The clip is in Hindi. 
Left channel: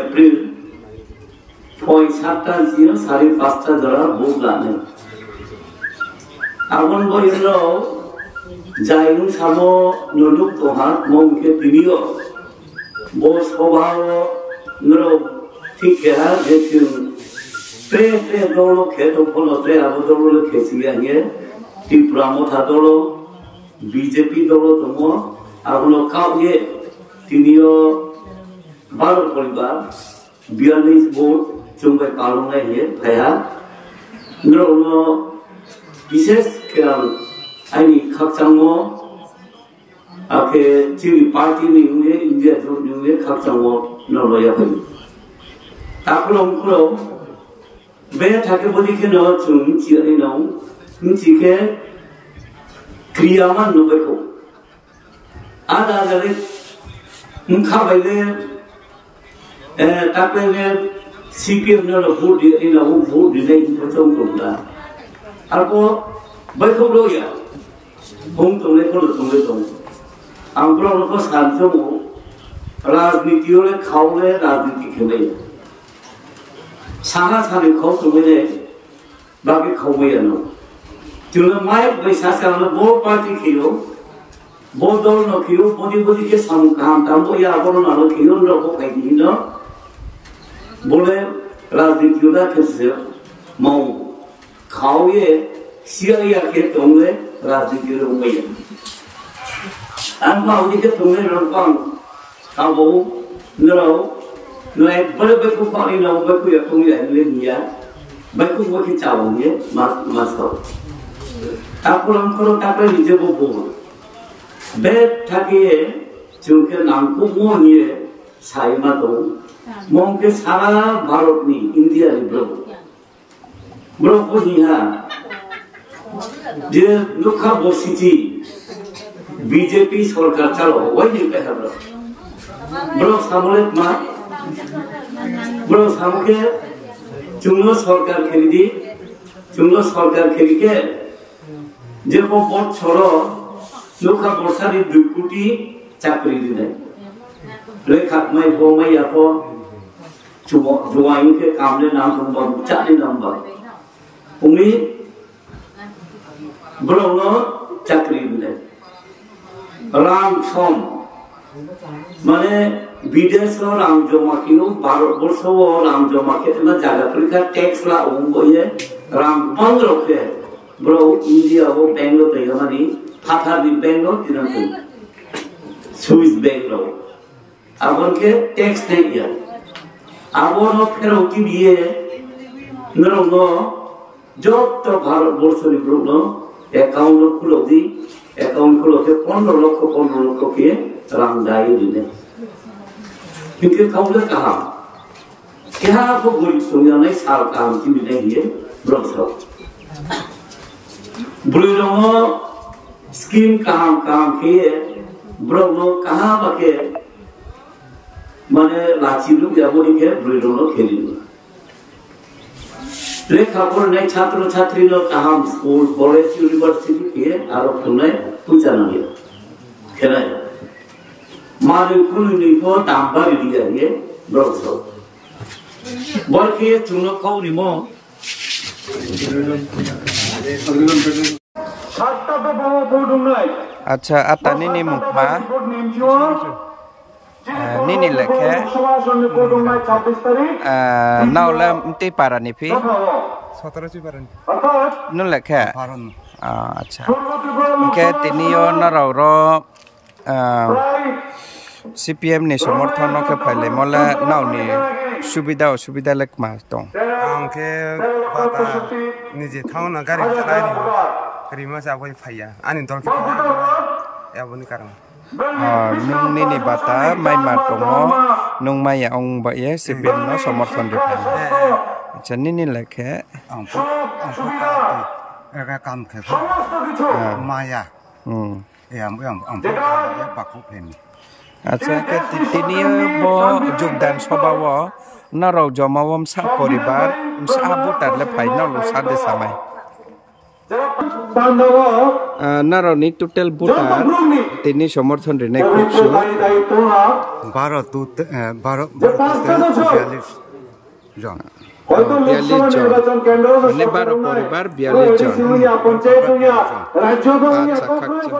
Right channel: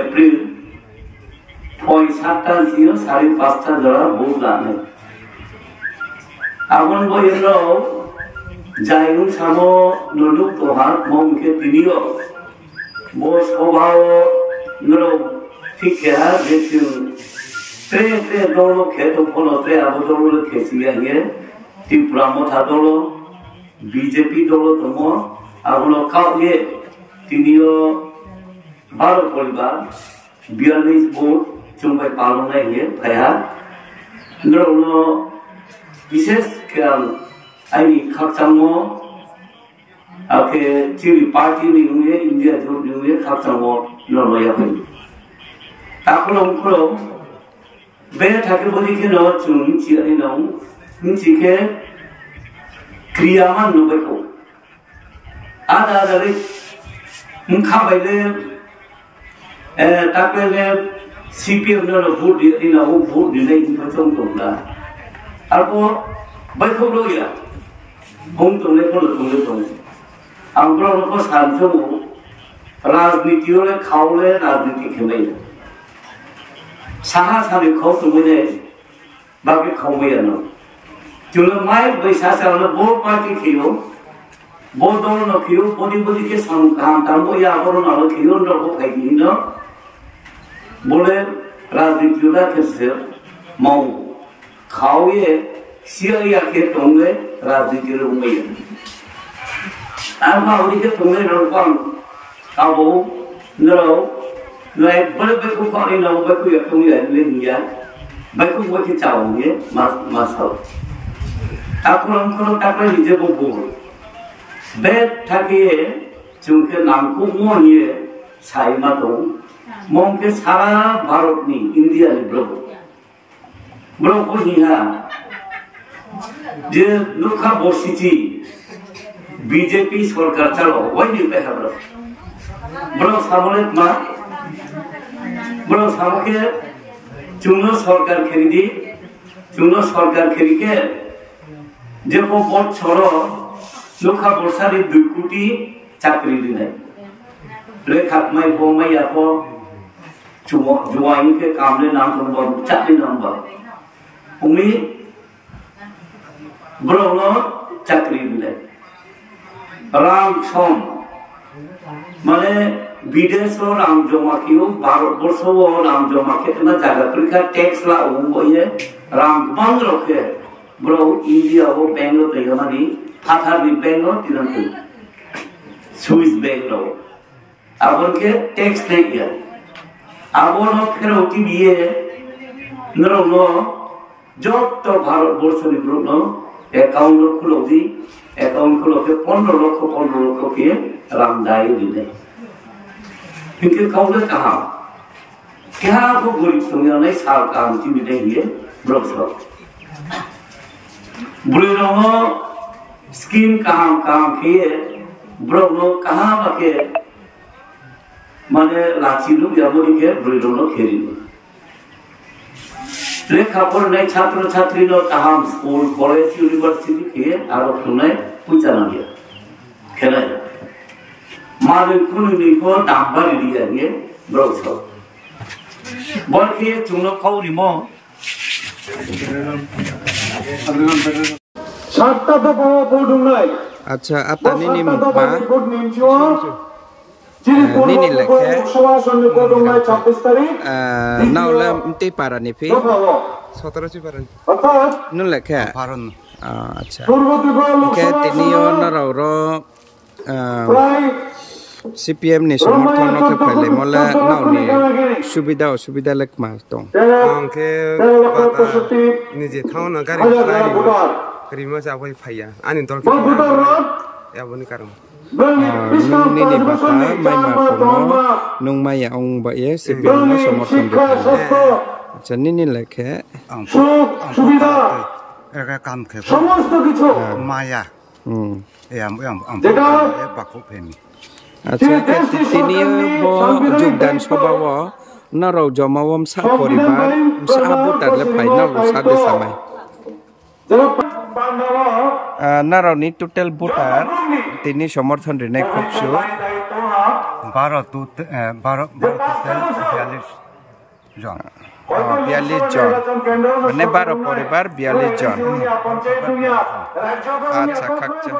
April point 7 zero 5:30 jora bugane abon boyno jaiyung samo nuluk toha momke tinio bo sobhao nro thikha jetin tre dolo kheto phono tre abodolo khesiya ye tipramo thadolo BJP dolo tomo abono kaye tinio 12 পরিবার 42 ভোট চুম্বাই পালনায় গিয়ে ভাইয়া নরনো বিশেষ আইনি খাকচামো আকে চিরি পার্টি নিউয়ে ইন্ডিয়া জোট নিউয়ে খাকচামো নরয়া ভাই তারপর অঙ্করো বে থাকে বলিকে ন চুম চিয়ানি নাও নিচিকে ক্রিয়ামান নবেকো আদা আদারে মুখা বাইলে তারপরে CPM ভোট ভোট দিলে তোমরা তারপর বাইকও লইয়া বোম তোলে আমরা সাহায্য রাজনীতি হলে খাওয়ালে রাজনীতি খেলে সাহা সারি খাও তুমি বাকি খাওয়াইয়ানো চলে মাই বৈশাখ বোর পার্টি খেয়েও বোর দল নখিও বদি সামুখাম তাম্বো আবর নালো খেয়েও নখ খাইনি ন বলে রাজনীতিটা খেলছে মাও খাওয়ে সিয়াইয়াকে তোমরে রাজনীতির উমাইয়া আর মাওদিকে তোমরে রকম কাবো নরো নয় বলে বেকু খালি না বেকু একমি আইলে নিয়া বেকু বকি চাওয়ে মাসাও তারপরে নিজে বলবো বেদ থাকিয়ে চুকে নামকো মহিয়ে সাইমা তো মমকে সারা ভারত নি ইন্ডিয়া নি ব্রহ্ম হিয়া যে লুখা বসিছি বিজেপি সরকার চালো ওই নি পেহা ব্রহ্ম সামলে মা ব্রহ্ম সামকে চুনো সরকার খেলি সরকার খেলিকে যে বড় ছড় লুখা বর্ষারি 2 কোটি চাকরি দিনে রেখা মাই বমাই আপো जुआई के कामले नाम सुनबा चाली नंबर उमी ब्रह्म चाकरी मिले राम सम माने विदेश राम जमा कियो भारत वर्ष राम जमा के ना जगह पर टैक्स ला ओंबोये राम बंद रखे ब्रो इंडिया वो बेंगलोर ते मानी फाथा भी बेंगलोर तिरंत स्विस बेंगलोर अब उनके टैक्स नहीं किया আবনো ফেরতি দিয়ে নরনো যত ভারত বর্ষের ব্রহ্ম অ্যাকাউন্ট খুলোকে 15 লক্ষ কে রাম দায়ে দিলে इनके काउंटर कहा क्या को गरीब दुनिया नहीं साल काम की मिलेंगे ब्रोसो ब्रोनो स्कीम काम किए ब्रोनो कहाँ बके माने लाची लोग जाबोरी के ब्रोनो खेली लेखा पर नहीं छात्र छात्री नो कहाँ स्कूल कॉलेज यूनिवर्सिटी के आरोप सुनाए पूछा ना लिया खेला मारे कुनी को दांबारी दिया ये ब्रोसो बल्कि चुनो कौरी मो अच्छा आता नी मुकमा नी लेखे नावला मते पारा निफी 17 पारा नु लेखे पारन अच्छा के तिनियो नरावरो CPM ni समर्थन के फैले मले नावनी সুবিধা অসুবিধা লেখ মাস দং आंखे बाता निजे थाउन गारि गारि मा जाबाय फाया आनि दल के याबनि कारण nung nini bata mai ma tongo nung mai ong ba ye sipin no somorthon de pai acha nini lekhe ang puta ega kam khe maya ang e bakku phemi acha ke tini bo jogdan sobawo narau jomawam sa poribar sa butar le final sa de samai narau ni total butar tini somorthon rene khupsu 12 total 42 জন 42 জন মানে 12 পরিবার 42 জন আচ্ছা খাচ্ছে